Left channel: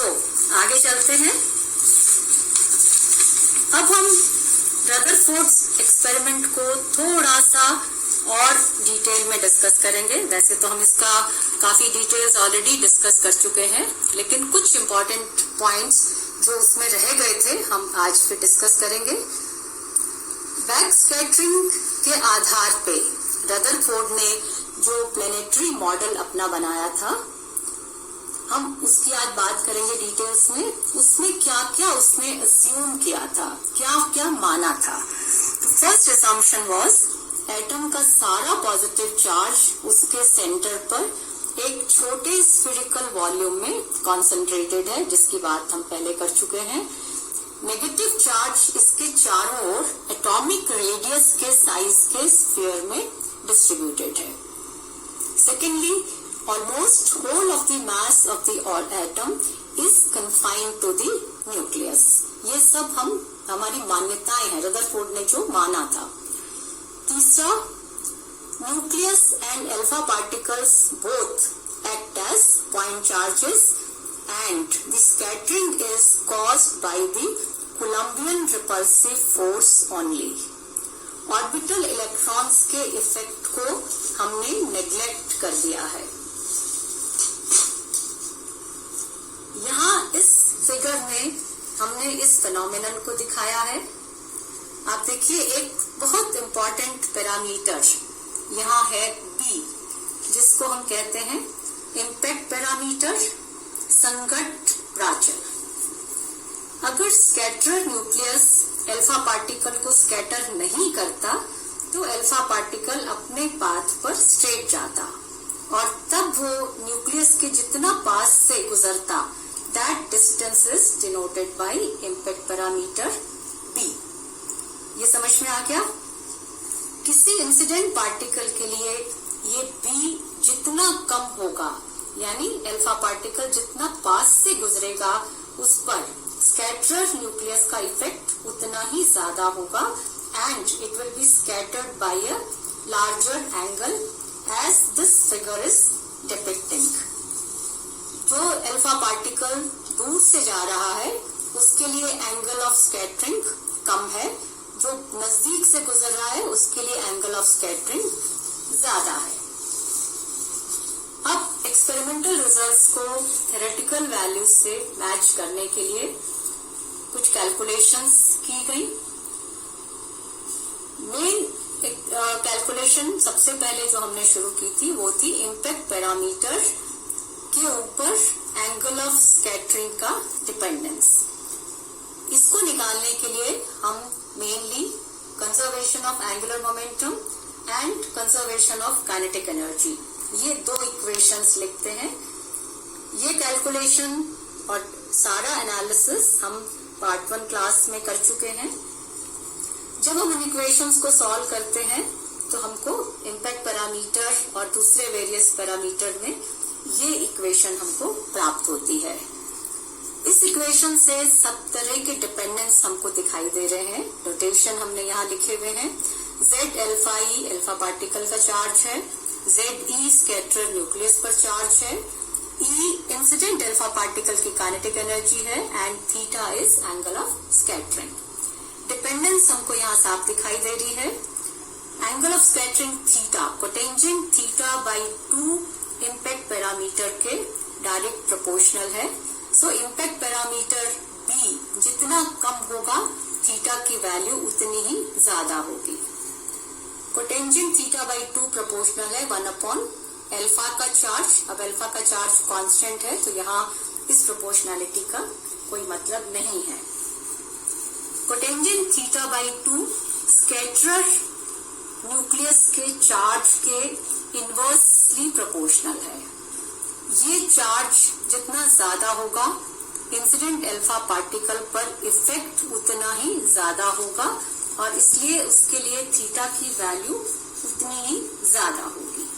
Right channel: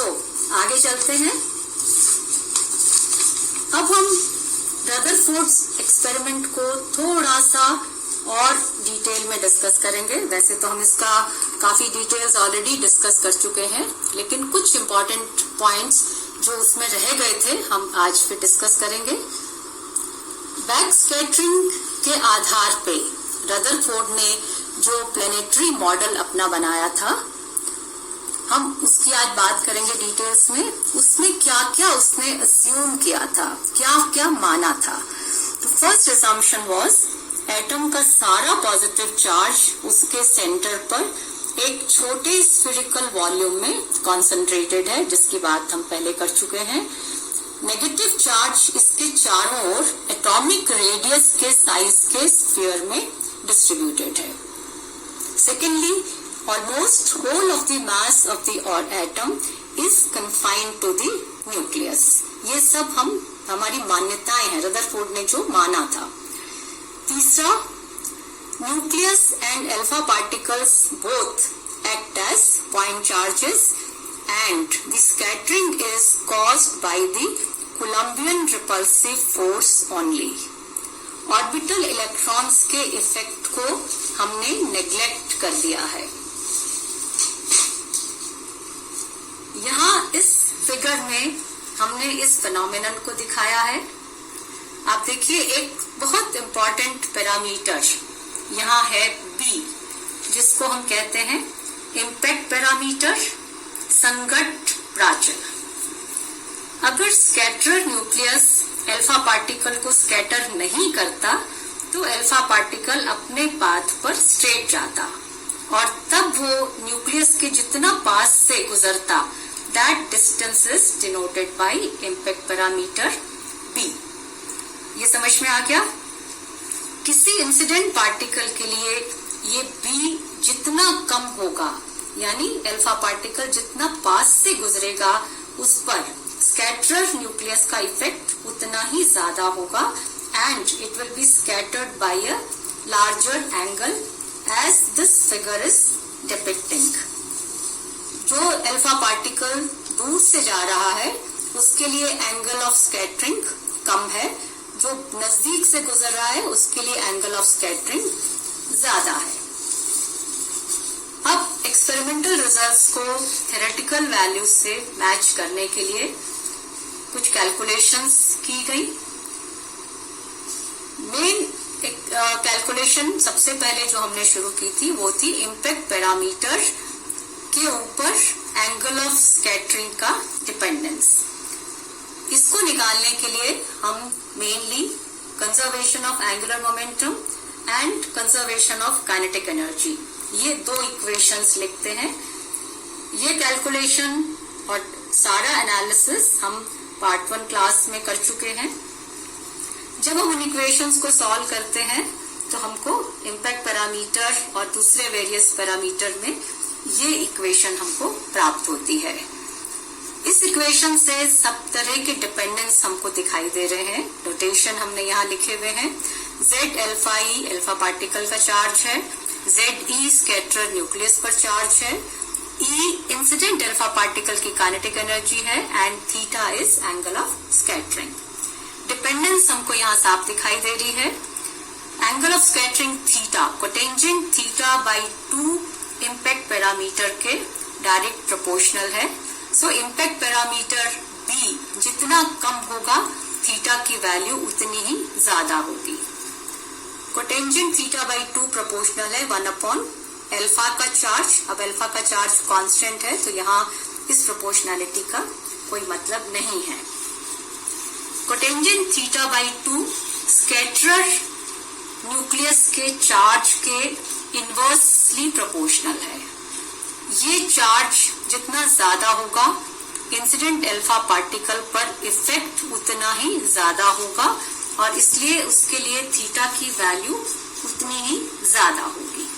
आगे चलते हैं। अब हम रदरफोर्ड एक्सपेरिमेंट को थोड़ा सा और डिटेल में डिस्कस करेंगे। वैसे तो हम इसका काफी डिटेल्स ऑलरेडी डिस्कस कर चुके हैं, लेकिन कुछ इंपॉर्टेंट पॉइंट्स जो उसमें रह गए थे हम आज फिर डिस्कस करेंगे। बैक स्कैटरिंग के आधार पे रदरफोर्ड ने जो प्लेनेटरी मॉडल अपना बनाया था, हम उसकी आज बात करेंगे डिटेल्स में। उसमें क्या क्या उसने अस्यूम किया था, क्या क्या माना था। तो फर्स्ट असम्पशन वाज एटम का सारा पॉजिटिव चार्ज उसके सेंटर पर एक छोटे स्फेरिकल वॉल्यूम में कॉन्सेंट्रेटेड है, जिसकी बात हम पहले कर चुके हैं। नेगेटिव चार्ज इसके चारों ओर एटॉमिक रेडियस के साइज के स्फीयर में डिस्ट्रीब्यूटेड है। Secondly, almost whole of the mass of the atom is confined to the nucleus. ये सब हमारी मान्यताएं हैं, रदरफोर्ड ने जो माना था। तीसरा, nucleus and alpha particles both act as point charges and the scattering is caused by the Coulombian repulsive force only. Orbital electrons के इफेक्ट को हमने नेग्लेक्ट कर दिया है। यहाँ इस फिगर में हमने इस फिनोमेनन को दिखाया है। आप देखिए, एक बहुत इंपॉर्टेंट पैरामीटर यहाँ है बी, जिसको हम कहते हैं इम्पैक्ट पैरामीटर, संघट्ट प्राचल। अगर स्कैटर न्यूक्लियस अल्फा पार्टिकल को स्कैटर नहीं करता तो अल्फा पार्टिकल अपने पाथ पर स्ट्रेट जाता और तब वो न्यूक्लियस के जितना पास से गुजरता, that distance is denoted by impact parameter B। ये समझ में आ गया? किसी इंसिडेंट पार्टिकल के लिए ये B जितना कम होगा, यानी अल्फा पार्टिकल जितना पास से गुजरेगा, उस पर स्कैटरर न्यूक्लियस का इफेक्ट उतना ही ज्यादा होगा and it will be scattered by a larger angle as this figure is depicting. जो अल्फा पार्टिकल दूर से जा रहा है उसके लिए एंगल ऑफ स्कैटरिंग कम है, जो नजदीक से गुजर रहा है उसके लिए एंगल ऑफ स्कैटरिंग ज्यादा है। अब एक्सपेरिमेंटल रिजल्ट्स को थ्योरेटिकल वैल्यूज से मैच करने के लिए कुछ कैलकुलेशंस की गई। मेन कैलकुलेशन सबसे पहले जो हमने शुरू की थी वो थी इम्पैक्ट पैरामीटर के ऊपर एंगल ऑफ स्कैटरिंग का डिपेंडेंस। इसको निकालने के लिए हम mainly conservation of angular momentum and conservation of kinetic energy, ये दो इक्वेशंस लिखते हैं। ये कैलकुलेशन और सारा एनालिसिस हम पार्ट 1 क्लास में कर चुके हैं। जब हम इन इक्वेशंस को सॉल्व करते हैं तो हमको इम्पैक्ट पैरामीटर और दूसरे वेरियस पैरामीटर में ये इक्वेशन हमको प्राप्त होती है। इस इक्वेशन से सब तरह के डिपेंडेंस हमको दिखाई दे रहे हैं। नोटेशन हमने यहाँ लिखे हुए हैं। Z अल्फा ई अल्फा पार्टिकल का चार्ज है, ZE स्कैटर न्यूक्लियस पर चार्ज है, E इंसिडेंट अल्फा पार्टिकल की काइनेटिक एनर्जी है and theta is angle of scattering. Dependence हमको यहाँ साफ दिखाई दे रही है। Angle of scattering theta cotangent theta by 2 impact parameter के डायरेक्ट प्रोपोर्शनल है। सो इम्पैक्ट पैरामीटर B जितना कम होगा, थीटा की वैल्यू उतनी ही ज्यादा होगी। कोटेंजेंट थीटा बाई 2 प्रोपोर्शनल है 1 अपॉन अल्फा का चार्ज। अब अल्फा का चार्ज कांस्टेंट है तो यहाँ इस प्रोपोर्शनैलिटी का कोई मतलब नहीं है। कोटेंजेंट थीटा बाई 2 स्कैटरर न्यूक्लियस के चार्ज के इनवर्सली प्रोपोर्शनल है। ये चार्ज जितना ज्यादा होगा, इंसिडेंट अल्फा पार्टिकल पर इफेक्ट उतना ही ज्यादा होगा और इसलिए उसके लिए थीटा की वैल्यू उतनी ही ज्यादा होगी।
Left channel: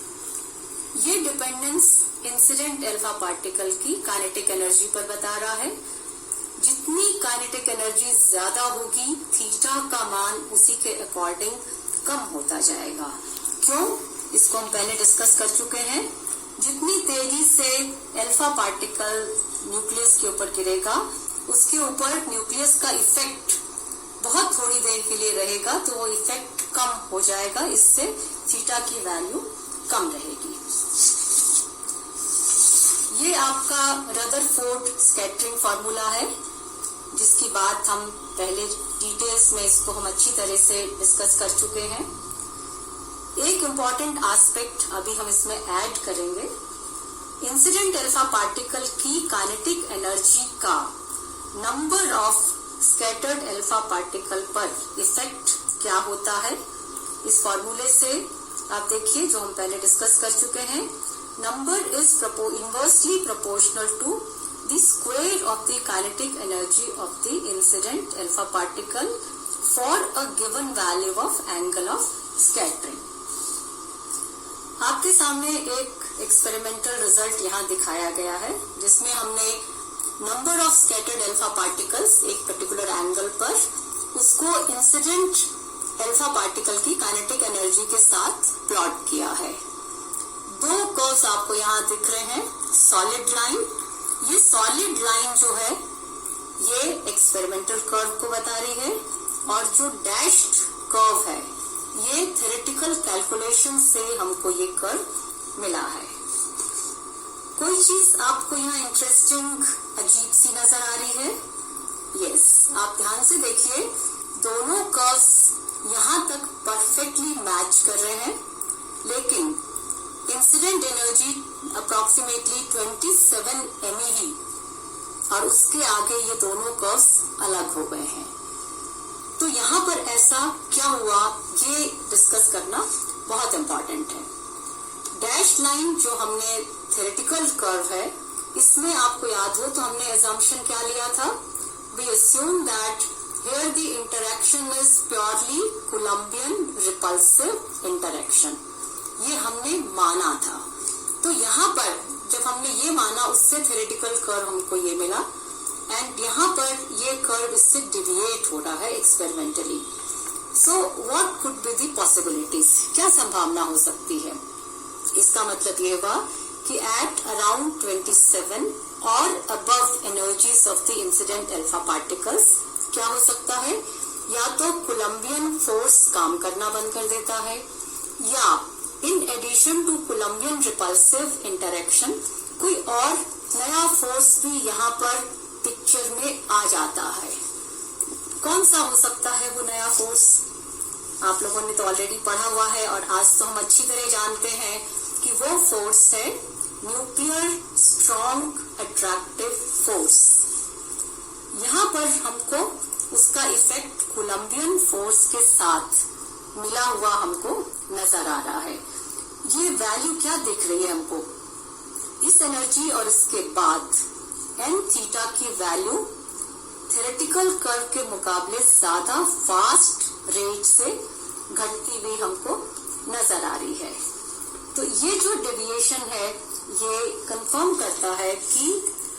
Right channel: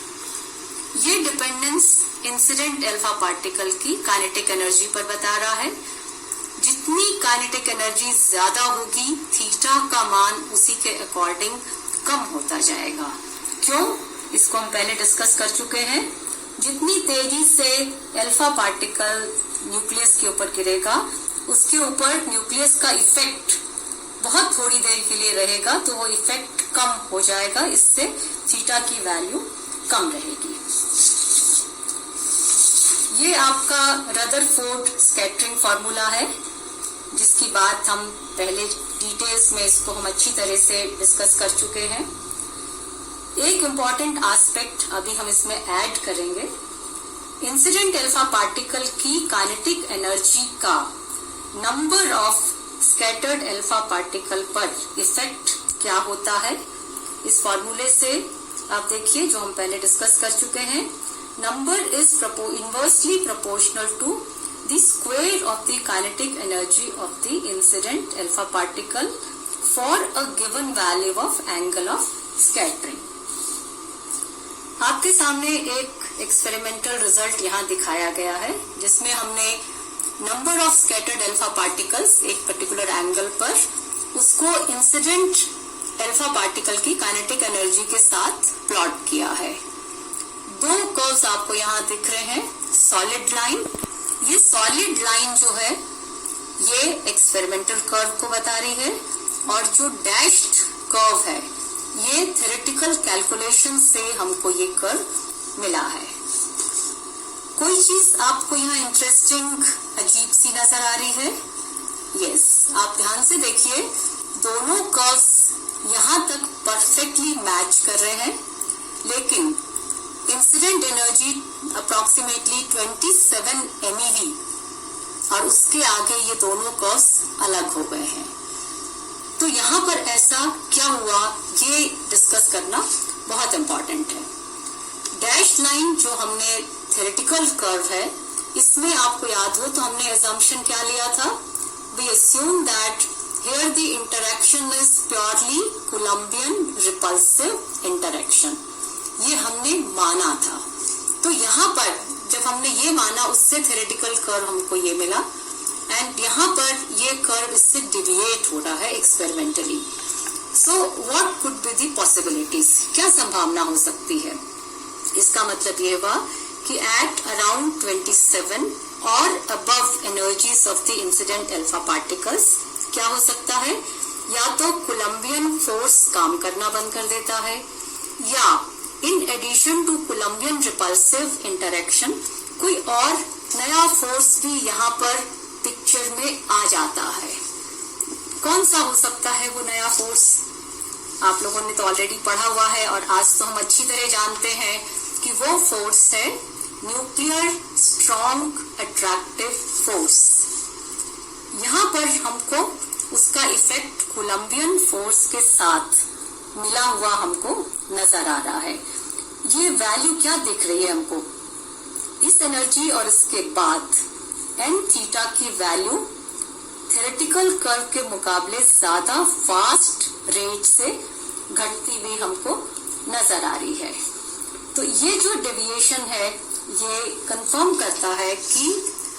ये डिपेंडेंस इंसिडेंट अल्फा पार्टिकल की काइनेटिक एनर्जी पर बता रहा है। जितनी काइनेटिक एनर्जी ज्यादा होगी, थीटा का मान उसी के अकॉर्डिंग कम होता जाएगा। क्यों? इसको हम पहले डिस्कस कर चुके हैं। जितनी तेजी से अल्फा पार्टिकल न्यूक्लियस के ऊपर गिरेगा, उसके ऊपर न्यूक्लियस का इफेक्ट बहुत थोड़ी देर के लिए रहेगा, तो वो इफेक्ट कम हो जाएगा, इससे थीटा की वैल्यू कम रहेगी। ये आपका रदरफोर्ड स्कैटरिंग फॉर्मूला है, जिसकी बात हम पहले डिटेल्स में इसको हम अच्छी तरह से डिस्कस कर चुके हैं। एक इम्पॉर्टेंट एस्पेक्ट अभी हम इसमें ऐड करेंगे। इंसिडेंट अल्फा पार्टिकल की काइनेटिक एनर्जी का number of scattered alpha particle पर इफेक्ट क्या होता है। इस फॉर्मूले से आप देखिए, जो हम पहले डिस्कस कर चुके हैं, number is inversely proportional to the square of the kinetic energy of the incident alpha particle for a given value of angle of scattering. आपके सामने एक एक्सपेरिमेंटल रिजल्ट यहाँ दिखाया गया है, जिसमें हमने number of scattered alpha particles एक पर्टिकुलर एंगल पर, उसको इंसिडेंट अल्फा पार्टिकल की काइनेटिक एनर्जी के साथ प्लॉट किया है। दो कर्व्स आपको यहाँ दिख रहे हैं, सॉलिड लाइन। ये सॉलिड लाइन जो है ये एक्सपेरिमेंटल कर्व को बता रही है, और जो डैश्ड कर्व है ये थ्योरेटिकल कैलकुलेशन से हमको ये कर्व मिला है। कोई चीज आपको यहाँ इंटरेस्टिंग अजीब सी नजर आ रही है? यस, आप ध्यान से देखिए, दोनों कर्व्स यहाँ तक परफेक्टली मैच कर रहे हैं, लेकिन इंसिडेंट एनर्जी अप्रोक्सीमेटली 27 MeV और उसके आगे ये दोनों कर्व्स अलग हो गए हैं। तो यहाँ पर ऐसा क्या हुआ, ये डिस्कस करना बहुत इंपॉर्टेंट है। डैश लाइन जो हमने थ्योरेटिकल कर्व है, इसमें आपको याद हो तो हमने assumption क्या लिया था? We assume that here the interaction is purely Coulombian repulsive interaction. ये हमने माना था। तो यहाँ पर जब हमने ये माना, उससे थ्योरेटिकल कर्व हमको ये मिला, एंड यहाँ पर ये कर्व इससे डिविएट हो रहा है experimentally. So what could be the possibilities, क्या संभावना हो सकती है? इसका मतलब ये हुआ कि एट अराउंड 27 और above energies of the incident alpha particles क्या हो सकता है? या तो कोलंबियन फोर्स काम करना बंद कर देता है, या in addition to Coulombian repulsive interaction कोई और नया फोर्स भी यहाँ पर पिक्चर में आ जाता है। कौन सा हो सकता है वो नया फोर्स? आप लोगों ने तो ऑलरेडी पढ़ा हुआ है, और आज तो हम अच्छी तरह जानते हैं कि वो फोर्स है न्यूक्लियर स्ट्रॉन्ग अट्रैक्टिव फोर्स। यहाँ पर हमको उसका इफेक्ट कोलंबियन फोर्स के साथ मिला हुआ हमको नजर आ रहा है। ये वैल्यू क्या दिख रही है हमको? इस एनर्जी और इसके बाद एन थीटा की वैल्यू थ्योरेटिकल कर्व के मुकाबले ज्यादा फास्ट रेट से घटती हुई हमको नजर आ रही है। तो ये जो डेविएशन है ये कंफर्म करता है कि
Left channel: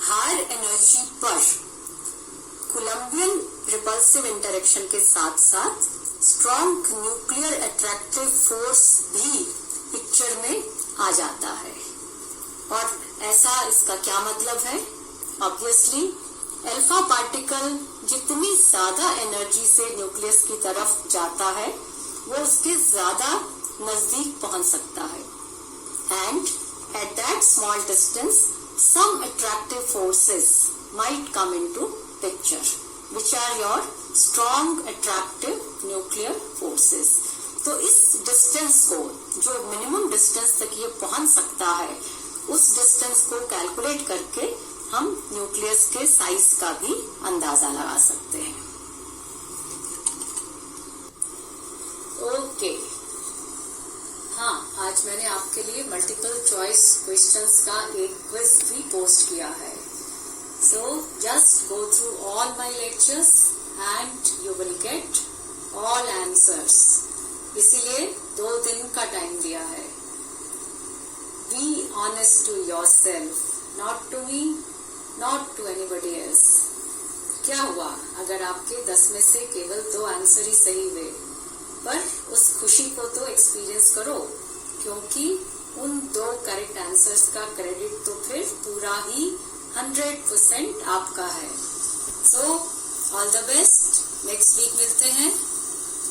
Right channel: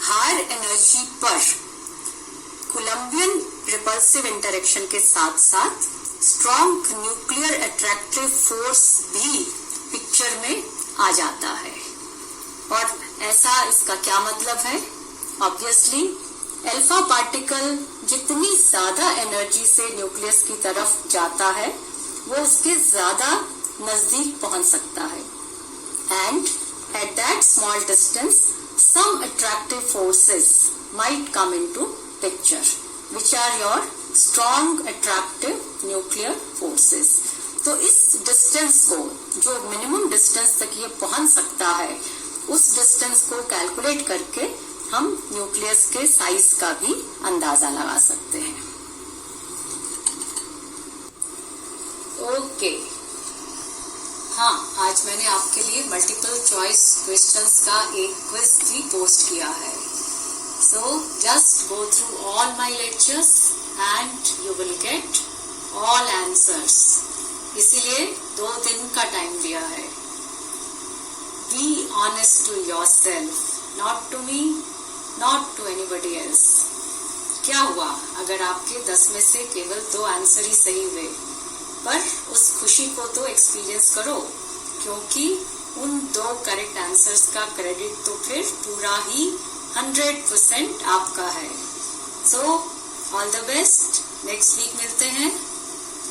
हायर एनर्जी पर कोलंबियन रिपल्सिव इंटरेक्शन के साथ साथ स्ट्रॉन्ग न्यूक्लियर अट्रैक्टिव फोर्स भी पिक्चर में आ जाता है। और ऐसा इसका क्या मतलब है? ऑब्वियसली अल्फा पार्टिकल जितनी ज्यादा एनर्जी से न्यूक्लियस की तरफ जाता है, वो उसके ज्यादा नजदीक पहुंच सकता है, and at that small distance some attractive forces might come into picture, which are your strong attractive nuclear forces. तो इस डिस्टेंस को, जो मिनिमम डिस्टेंस तक ये पहुंच सकता है, उस डिस्टेंस को कैलकुलेट करके हम न्यूक्लियस के साइज का भी अंदाजा लगा सकते हैं। ओके, हाँ, आज मैंने आपके लिए मल्टीपल चॉइस क्वेश्चंस का एक क्विज भी पोस्ट किया है। So just go through all my lectures and you will get all answers. इसीलिए 2 दिन का टाइम दिया है। Be honest to yourself, not to me, not to anybody else. क्या हुआ अगर आपके 10 में से केवल 2 आंसर ही सही हुए? पर उस खुशी को तो एक्सपीरियंस करो, क्योंकि उन 2 करेक्ट आंसर्स का क्रेडिट तो फिर पूरा ही 100% आपका है। So all the best, next week मिलते हैं।